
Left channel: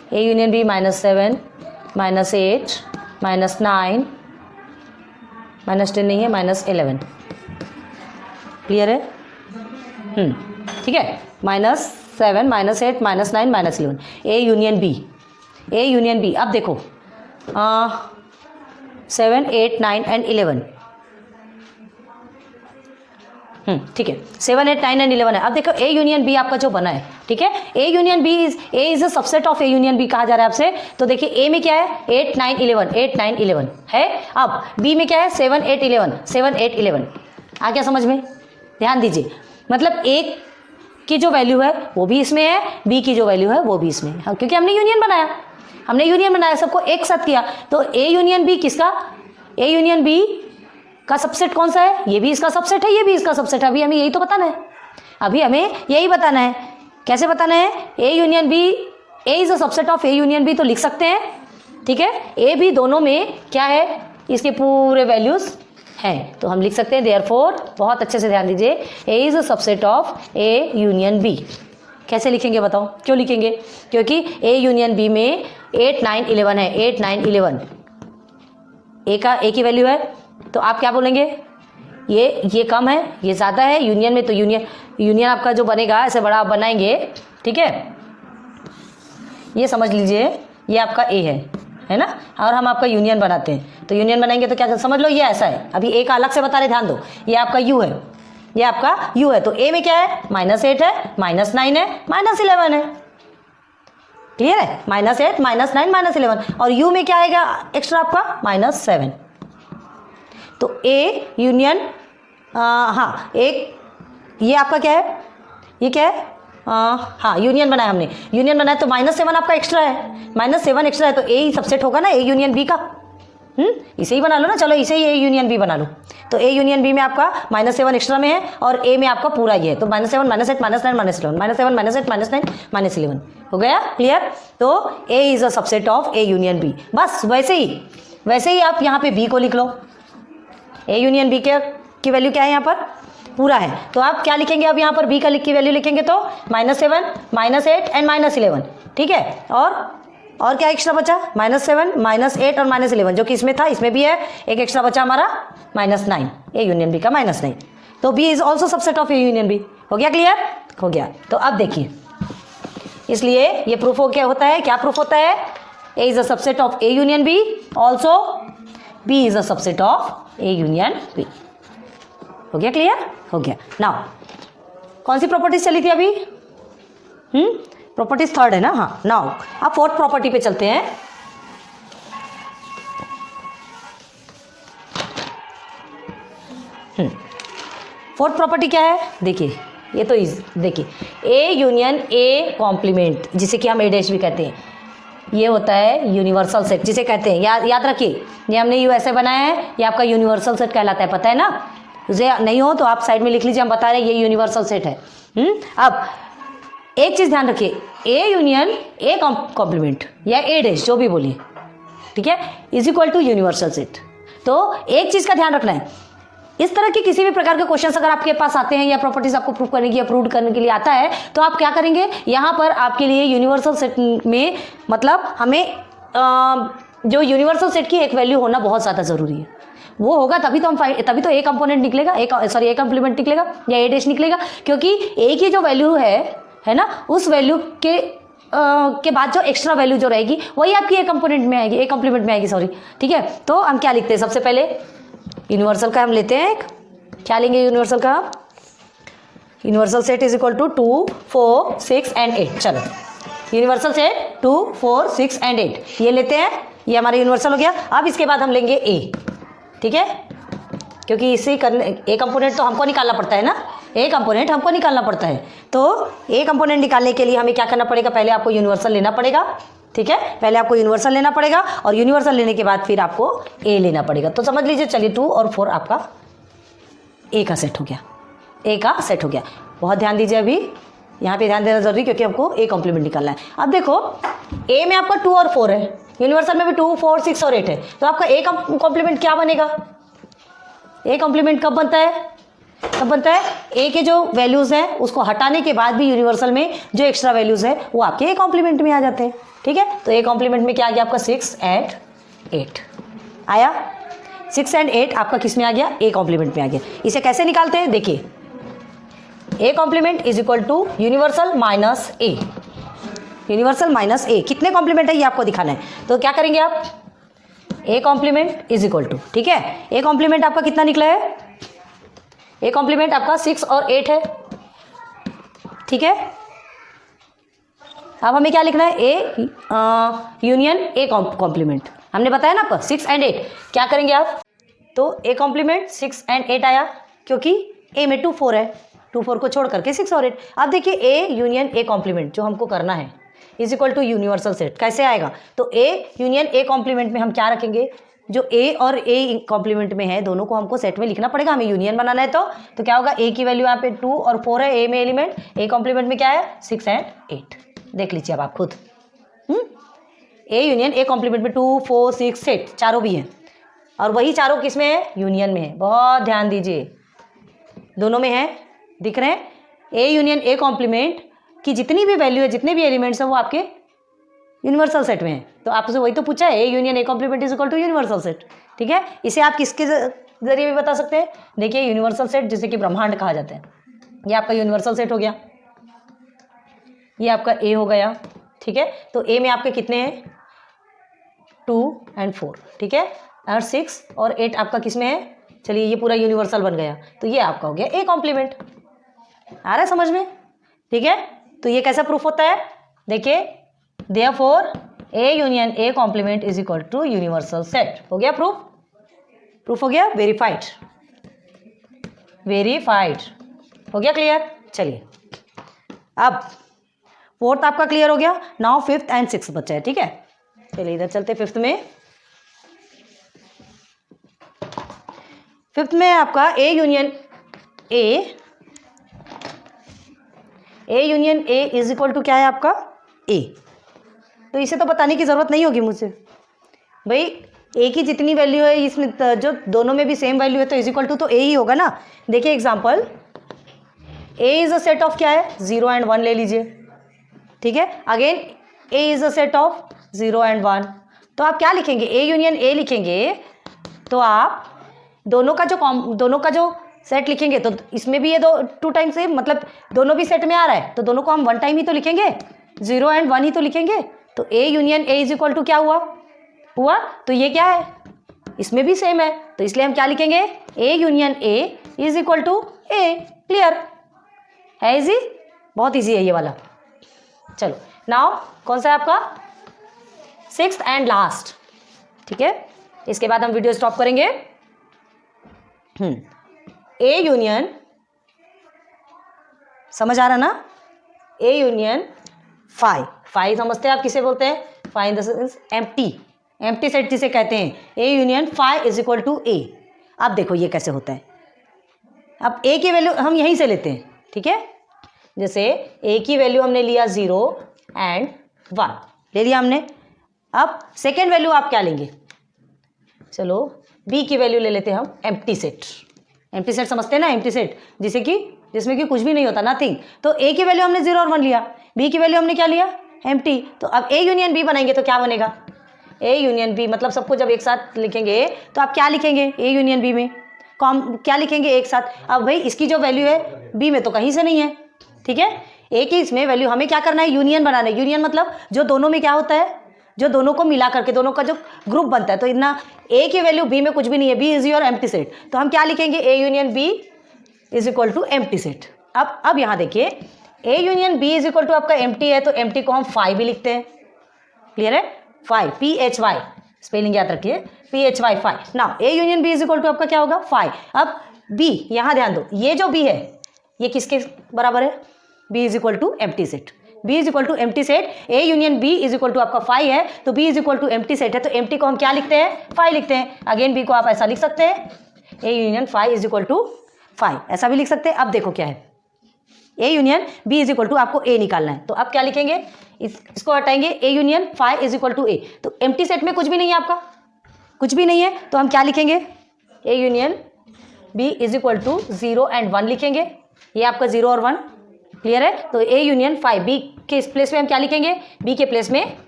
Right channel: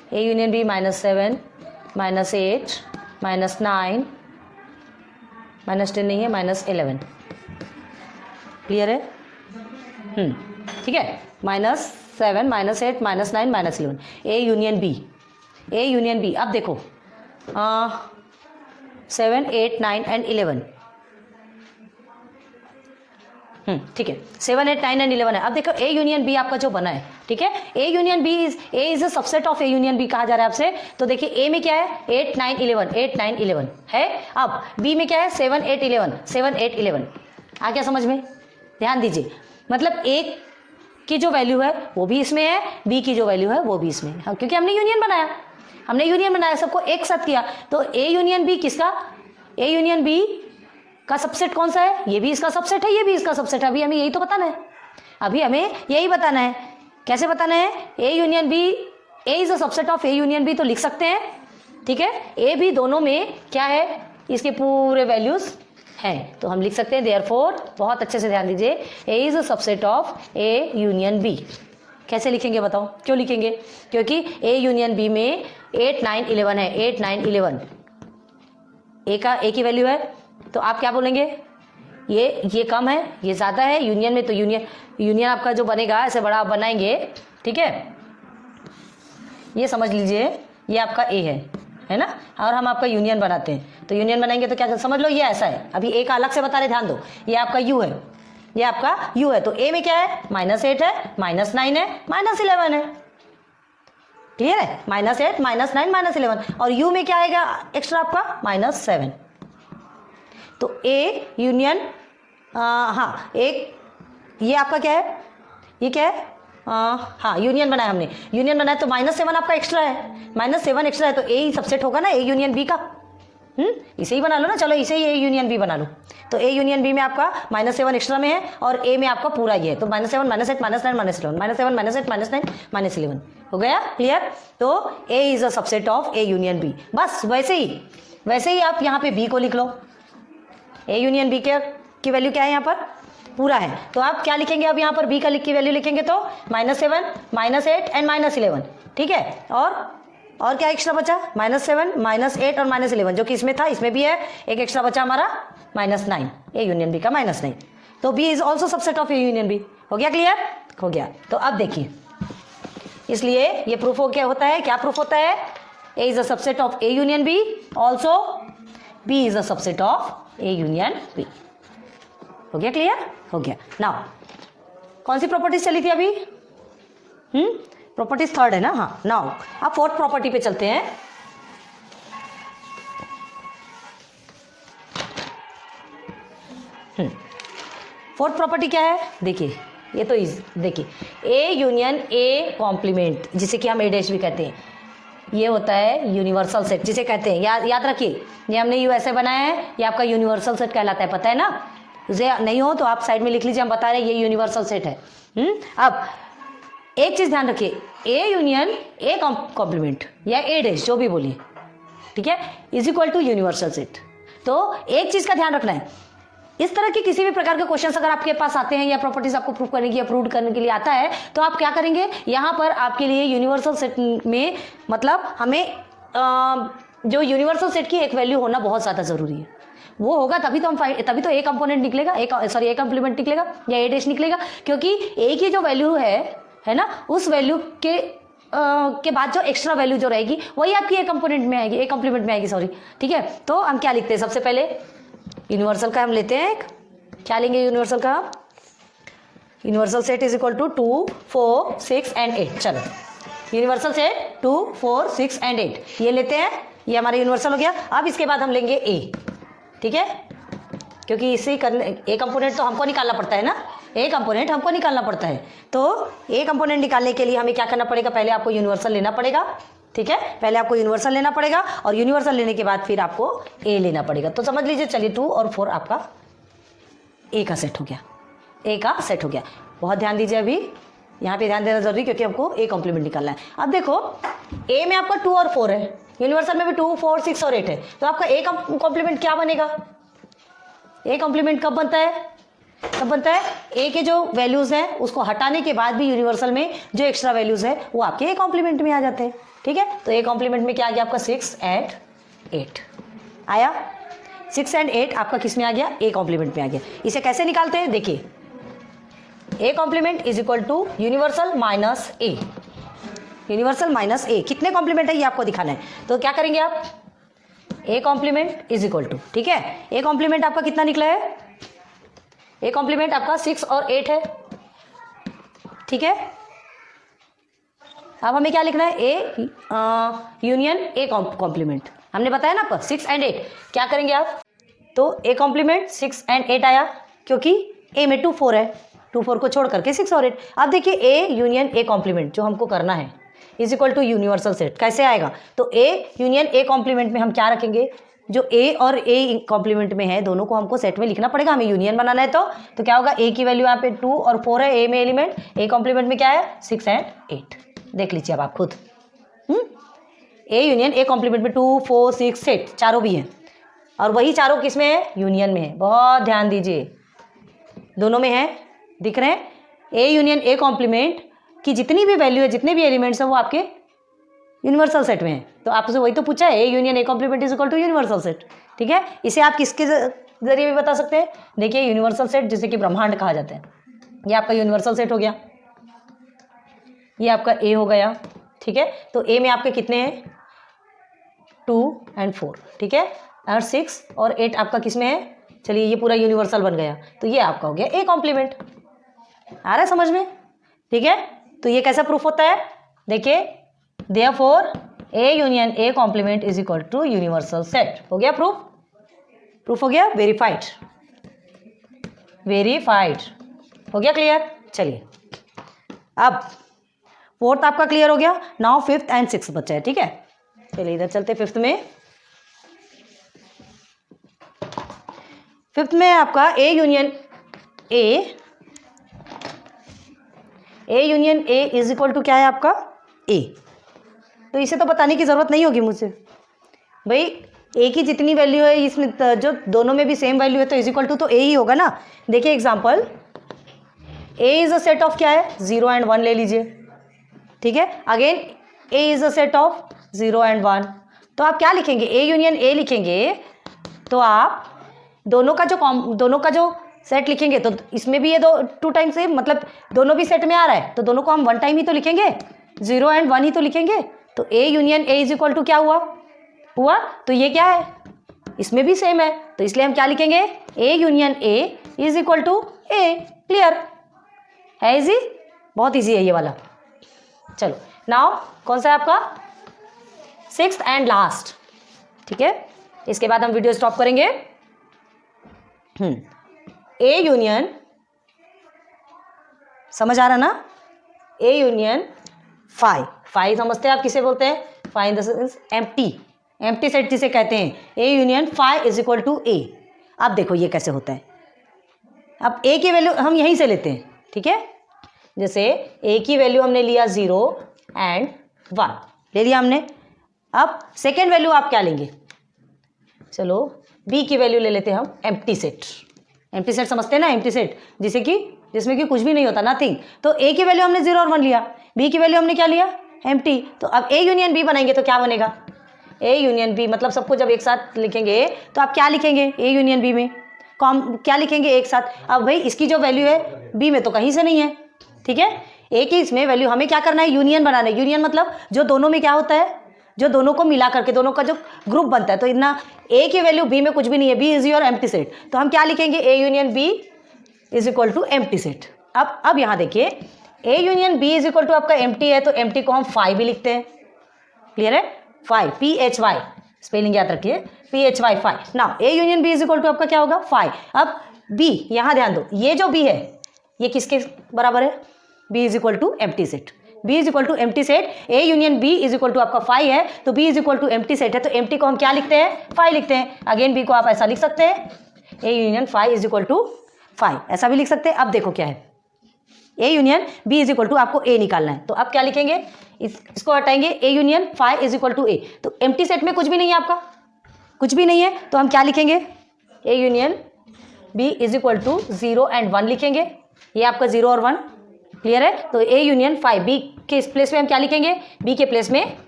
ए यूनियन बी -7 -8 -9 -10 नहीं है, -11। क्लियर है? ठीक है, -7 -8 -9 -11 A union B. A union B, अब देखो 7 8 9 एंड 11। ठीक है, 7 8 9 एंड 11 है। अब देखो ए यूनियन बी आपका जो बना है, ठीक है, A union B is a subset of A union B कहा जा रहा है आपसे। तो देखिए ए में क्या है 8 9 11 8 9 11 है। अब बी में क्या है 7 8 11 7 8 11। आ गया समझ में? ध्यान दीजिए, मतलब ए की जो वैल्यू है वो भी इसमें है, बी की जो वैल्यू है वो भी इसमें है, क्योंकि हमने यूनियन बनाया, सबको एक साथ किया। तो ए यूनियन बी किसका, ए यूनियन बी का सबसेट कौन सा है? ये भी इसका सबसेट है, ये भी इसका सबसेट है। अभी हमें यही तो बताना है, अभी हमें यही बताना है। कैसे बताना है? A union B, A is a subset of A union B, तो लिख सकते हैं, ठीक है। ए बी दोनों में क्या है, इसके पूरे वैल्यूज हैं, तो हम लिख सकते हैं देयरफॉर, बहुत अच्छे से ध्यान दीजिए, ए is a subset of A union B. कैसे लिखेंगे बताओ? क्यों लिखेंगे? क्योंकि ए यूनियन बी में 8 9 11 है, 8 9 11 ए की वैल्यू है। तो आप क्या बोलेंगे, ये कम है, ये ज़्यादा है। यूनियन में तो यूनियन आपका जो बनेगा ऐसे बड़ा आप बनाएंगे, ठीक है। ये समझ लीजिए ये आपका ए है ना, और हम आपका यूनियन बनाते हैं। तो यूनियन बनाएंगे तो क्या समझ लो, ये ऐसा है। अभी ए का अलग से बता रहे, ध्यान दो, ये आपका यू है, ये आपका यू है। तो ए में क्या है -8 है, -9 है, -11 है। क्लियर है? -8 -9 -11। और यू में क्या आएगा एक्स्ट्रा आपका -7। तो ए यूनियन हाँ, एक ये आपका क्या है, ये क्या है, हाँ यूनियन बनाया हमने, यूनियन बनाया तो -7 आपका एक्स्ट्रा है, -7 एक्स्ट्रा है, तो ए ही सबसेट होगा ना ए यूनियन बी का। इसे ही बना लो ना, चलो इसे ही ए यूनियन बी बना लो। तो ए यूनियन बी में आपका -7 एक्स्ट्रा में है, और ए में आपका पूरा ये है। तो -7 -8 -9 -11 -7 -8 -9 -11 हो गया। क्लियर? तो ए is a subset of A union B. बस वैसे ही आप यहाँ पे बी को लिख लो। ए यूनियन बी की वैल्यू क्या है यहाँ पर, पूरा है। तो आप क्या लिखेंगे, अब यहाँ पर बी का की वैल्यू लिखेंगे तो -7 -8 एंड -11, ठीक है। और क्या एक्स्ट्रा बचा, -7 -8 और -11, जो कि इसमें था, इसमें भी है। एक एक्स्ट्रा बचा हमारा -9, ए यूनियन बी का -9। तो B is also subset of A union B. हो गया? क्लियर हो गया। तो अब देखिए, इसलिए ये प्रूफ हो क्या होता है, क्या प्रूफ होता है, ए is a subset of A union B, also be is a subset of A union B. हो गया? क्लियर हो गया। नाउ कौन सी प्रॉपर्टीज चली थी अभी? प्रॉपर्टीज थर्ड है ना, हाँ। नाउ अब फोर्थ प्रॉपर्टी पे चलते हैं। फोर्थ प्रॉपर्टी क्या है, देखिए, ये तो देखिए, ए यूनियन ए कॉम्प्लीमेंट, जिसे कि हम ए डैश भी कहते हैं, ये होता है यूनिवर्सल सेट, जिसे कहते हैं, याद रखिए, ये हमने यू ऐसे बनाया है, ये आपका यूनिवर्सल सेट कहलाता है, पता है ना। मुझे नहीं हो तो आप साइड में लिख लीजिए, हम बता रहे हैं ये यूनिवर्सल सेट है। अब एक चीज ध्यान रखिए, ए यूनियन ए कॉम्प्लीमेंट या ए डैश जो भी बोलिए, ठीक है, is equal to universal set. तो एक चीज का ध्यान रखना है, इस तरह के किसी भी प्रकार के क्वेश्चंस अगर आपके पास आते हैं या प्रॉपर्टीज आपको प्रूव करने की या प्रूव करने के लिए आता है, तो आप क्या करेंगे, यहाँ पर आपके लिए यूनिवर्सल सेट में, मतलब हमें जो यूनिवर्सल सेट की एक वैल्यू होना बहुत ज़्यादा ज़रूरी है। वो होगा तभी तो तभी तो ए कंपोनेंट निकलेगा, ए कॉम्प्लीमेंट निकलेगा या ए डैश निकलेगा, क्योंकि ए की जो वैल्यू है ना, उस वैल्यू के बाद जो एक्स्ट्रा वैल्यू जो रहेगी वही आपकी ए कंपोनेंट में आएगी, ए कॉम्प्लीमेंट में आएगी, सॉरी, ठीक है। तो हम क्या लिखते हैं, सबसे पहले यूनिवर्सल का हम लेते हैं, क्या लेंगे यूनिवर्सल का, universal set is equal to 2 4 6 and 8। चलो यूनिवर्सल सेट 2 4 6 एंड 8 ये लेते हैं, ये हमारा यूनिवर्सल हो गया। अब इसके बाद हम लेंगे ए, ठीक है, क्योंकि इसे करने ए कंपोनेंट तो हमको निकालना पड़ता है ना, ए कंपोनेंट हमको निकालना पड़ता है। तो ए कंपोनेंट निकालने के लिए हमें क्या करना पड़ेगा, पहले आपको यूनिवर्सल लेना पड़ेगा, ठीक है, पहले आपको यूनिवर्सल लेना पड़ेगा, और यूनिवर्सल लेने के बाद फिर आपको ए लेना पड़ेगा। तो समझ लीजिए, चलिए 2 और 4 आपका ए का सेट हो गया, ए का सेट हो गया। बहुत ध्यान दीजिए, अभी यहाँ पे ध्यान देना जरूरी, क्योंकि आपको ए कॉम्प्लीमेंट निकालना है। अब देखो, ए में आपका 2 और 4 है, यूनिवर्सल में भी 2 4 6 और 8 है, तो आपका ए कॉम्प्लीमेंट क्या बनेगा, ए कॉम्प्लीमेंट कब बनता है, ए के जो वैल्यूज हैं उसको हटाने के बाद भी यूनिवर्सल में जो एक्स्ट्रा वैल्यूज है वो आपके ए कॉम्प्लीमेंट में आ जाते हैं, ठीक ठीक है। तो ए कॉम्प्लीमेंट में क्या आ गया आपका 6 एंड 8 आया। 6 एंड 8 आपका किस में आ गया, ए कॉम्प्लीमेंट में आ गया। इसे कैसे निकालते हैं देखिए, A complement is equal to universal minus A, universal minus ए। कितने कॉम्प्लीमेंट है ये आपको दिखाना है, तो क्या करेंगे आप, A complement is equal to, ठीक है, ए कॉम्प्लीमेंट आपका कितना निकला है, ए कॉम्प्लीमेंट आपका 6 और 8 है, ठीक है। अब हमें क्या लिखना है, ए यूनियन ए कॉम्प्लीमेंट, हमने बताया ना आपको 6 एंड 8। क्या करेंगे आप, तो ए कॉम्प्लीमेंट 6 एंड 8 आया, क्योंकि ए में 2 4 है, 2 4 को छोड़ करके 6 और 8। अब देखिए ए यूनियन ए कॉम्प्लीमेंट जो हमको करना है is equal to universal set, कैसे आएगा, तो ए यूनियन ए कॉम्प्लीमेंट में हम क्या रखेंगे, जो ए और ए कॉम्प्लीमेंट में है दोनों को हमको सेट में लिखना पड़ेगा, हमें यूनियन बनाना है। तो क्या होगा, ए की वैल्यू यहाँ पे 2 और 4 है, ए में एलिमेंट, ए कॉम्प्लीमेंट में क्या है 6 एंड 8, देख लीजिए अब आप खुद। ए यूनियन ए कॉम्प्लीमेंट में 2 4 6 8 चारों भी हैं, और वही चारों किस में है, यूनियन में है। बहुत ध्यान दीजिए, दोनों में है, दिख रहे हैं। ए यूनियन ए कॉम्प्लीमेंट की जितनी भी वैल्यू है, जितने भी एलिमेंट्स हैं वो आपके यूनिवर्सल सेट में है। तो आपसे वही तो पूछा है, A union A complement is equal to universal set, ठीक है। इसे आप किसके जरिए भी बता सकते हैं, देखिए यूनिवर्सल सेट जिसे कि ब्रह्मांड कहा जाता है, ये आपका यूनिवर्सल सेट हो गया, ये आपका ए हो गया, ठीक है। तो ए में आपके कितने हैं, 2 एंड 4, ठीक है, और 6 और 8 आपका किस में है, चलिए ये पूरा यूनिवर्सल बन गया, तो ये आपका हो गया ए कॉम्प्लीमेंट। आ रहा है समझ में, ठीक है। तो ये कैसा प्रूफ होता है, देखिए therefore A union A complement is equal to universal set, हो गया प्रूफ, प्रूफ हो गया, वेरीफाइड, वेरीफाइड हो गया, क्लियर। चलिए अब 4th आपका क्लियर हो गया, नाउ 5th एंड 6th बचा है, ठीक है। चलिए इधर चलते 5th में। 5th में आपका A union A is equal to क्या है आपका, ए। तो इसे तो बताने की ज़रूरत नहीं होगी मुझसे, भाई ए की जितनी वैल्यू है इसमें, जो दोनों में भी सेम वैल्यू है तो इज इक्वल टू तो ए ही होगा ना। देखिए example, A is a set of क्या है, 0 एंड 1 ले लीजिए, ठीक है। Again A is a set of 0 and 1, तो आप क्या लिखेंगे, ए यूनियन ए लिखेंगे, तो आप दोनों का जो सेट लिखेंगे, तो इसमें भी ये 2 टाइम्स है, मतलब दोनों भी सेट में आ रहा है, तो दोनों को हम 1 टाइम ही तो लिखेंगे, 0 एंड 1 ही तो लिखेंगे। तो A union A is equal to क्या हुआ, तो ये क्या है, इसमें भी सेम है, तो इसलिए हम क्या लिखेंगे, A union A is equal to A. Clear है, इजी, बहुत इजी है ये वाला। चलो नाउ कौन सा है आपका, 6th एंड लास्ट, ठीक है। इसके बाद हम वीडियो स्टॉप करेंगे। ए यूनियन, समझ आ रहा ना, ए यूनियन फाई समझते हैं आप किसे बोलते हैं, phi in the sense empty set जिसे कहते हैं, A union phi is equal to ए। अब देखो ये कैसे होता है, अब ए की वैल्यू हम यहीं से लेते हैं, ठीक है। जैसे ए की वैल्यू हमने लिया 0 एंड 1 ले लिया हमने। अब सेकेंड वैल्यू आप क्या लेंगे, चलो बी की वैल्यू ले लेते हैं हम, एम्प्टी सेट समझते हैं ना, एम्प्टी सेट जिसमें कि कुछ भी नहीं होता, नथिंग। तो ए की वैल्यू हमने 0 और 1 लिया, बी की वैल्यू हमने क्या लिया, एम्प्टी। तो अब ए यूनियन बी बनाएंगे तो क्या बनेगा, ए यूनियन बी, मतलब सबको जब एक साथ लिखेंगे तो आप क्या लिखेंगे, ए यूनियन बी में क्या लिखेंगे एक साथ। अब भाई इसकी जो वैल्यू है बी में तो कहीं से नहीं है, ठीक है। ए की इसमें वैल्यू हमें क्या करना है, यूनियन बनाना है। यूनियन मतलब जो दोनों में क्या होता है, जो दोनों को मिला करके दोनों का जो ग्रुप बनता है। तो इतना ए की वैल्यू बी में कुछ भी नहीं है, B is your empty set, तो हम क्या लिखेंगे, A union B is equal to empty set. अब यहाँ देखिए, A union B is equal to आपका एम्प्टी है, तो एम्प्टी को हम फाई भी लिखते हैं, क्लियर है, फाई, PHY, स्पेलिंग याद रखिए, PHY phi. Now A union B is equal to आपका क्या होगा, फाई। अब बी, यहाँ ध्यान दो, ये जो बी है ये किसके बराबर है, B is equal to empty set, B is equal to empty set. A union B is equal to आपका फाई है, तो B is equal to empty set है, तो एम्प्टी को हम क्या लिखते हैं, फाई लिखते हैं। अगेन बी को आप ऐसा लिख सकते हैं, A union phi is equal to phi, ऐसा भी लिख सकते हैं। अब देखो क्या है, A union B is equal to आपको ए निकालना है, तो आप क्या लिखेंगे, इसको हटाएंगे, A union phi is equal to ए। तो एम्प्टी सेट में कुछ भी नहीं है, आपका कुछ भी नहीं है, तो हम क्या लिखेंगे, A union B is equal to 0 and 1 लिखेंगे, ये आपका 0 और 1, क्लियर है। तो ए यूनियन फाई, बी के प्लेस में हम क्या लिखेंगे, बी के प्लेस में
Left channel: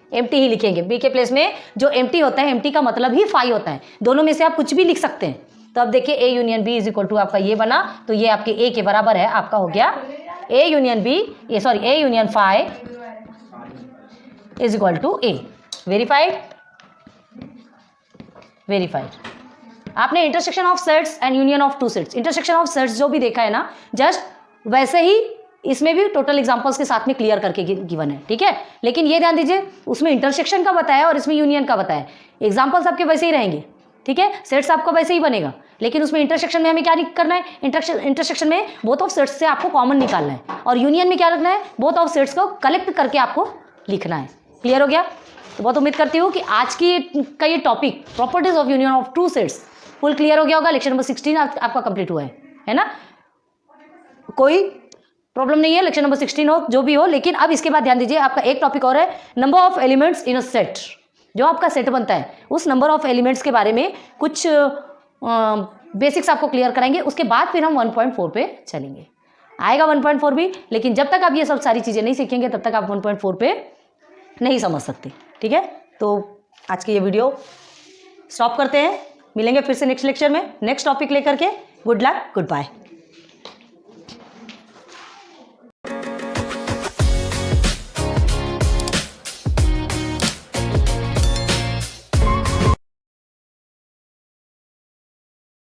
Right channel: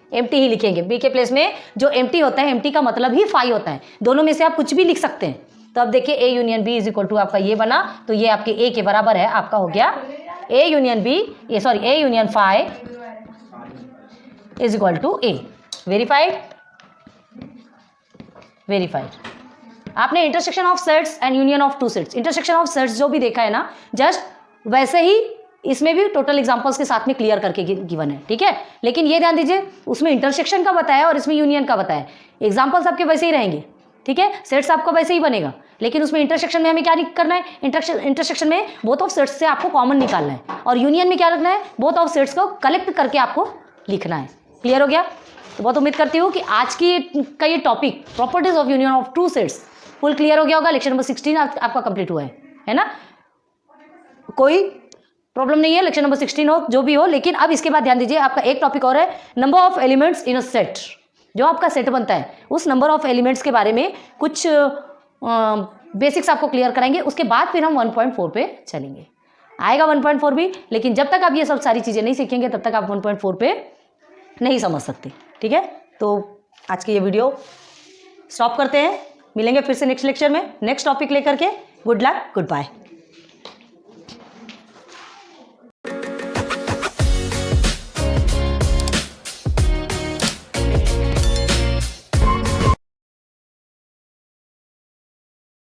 एम्प्टी ही लिखेंगे। बी के प्लेस में जो एम्प्टी होता है, एम्प्टी का मतलब ही फाई होता है। दोनों में से आप कुछ भी लिख सकते हैं। तो अब देखिए A union B is equal to आपका ये बना, तो ये आपके ए के बराबर है, आपका हो गया ए यूनियन बी, ये sorry A union phi is equal to A. Verified, verified. आपने intersection of sets and union of two sets, intersection of sets जो भी देखा है ना, जस्ट वैसे ही इसमें भी टोटल एग्जांपल्स के साथ में क्लियर करके गिवन है, ठीक है। लेकिन ये ध्यान दीजिए, उसमें इंटरसेक्शन का बताया और इसमें यूनियन का बताया। एग्जांपल्स आपके वैसे ही रहेंगे, ठीक है, सेट्स आपका वैसे ही बनेगा, लेकिन उसमें इंटरसेक्शन में हमें क्या करना है, इंटरसेक्शन में बोथ ऑफ सेट्स से आपको कॉमन निकालना है, और यूनियन में क्या रखना है, बोथ ऑफ सेट्स को कलेक्ट करके आपको लिखना है। क्लियर हो गया? तो बहुत उम्मीद करती हूँ कि आज की का ये topic properties of union of two sets full clear हो गया होगा। लेक्चर नंबर 16 आपका कंप्लीट हुआ है ना। कोई प्रॉब्लम नहीं है, लेक्चर नंबर 16 हो जो भी हो। लेकिन अब इसके बाद ध्यान दीजिए, आपका एक टॉपिक और है, number of elements in a set. जो आपका सेट बनता है उस नंबर ऑफ एलिमेंट्स के बारे में कुछ बेसिक्स आपको क्लियर कराएंगे। उसके बाद फिर हम 1.4 पे चलेंगे। आएगा 1.4 भी, लेकिन जब तक आप ये सब सारी चीज़ें नहीं सीखेंगे तब तक आप 1.4 पे नहीं समझ सकते, ठीक है। तो आज की ये वीडियो स्टॉप करते हैं, मिलेंगे फिर से नेक्स्ट लेक्चर में नेक्स्ट टॉपिक लेकर के। Good luck, good bye.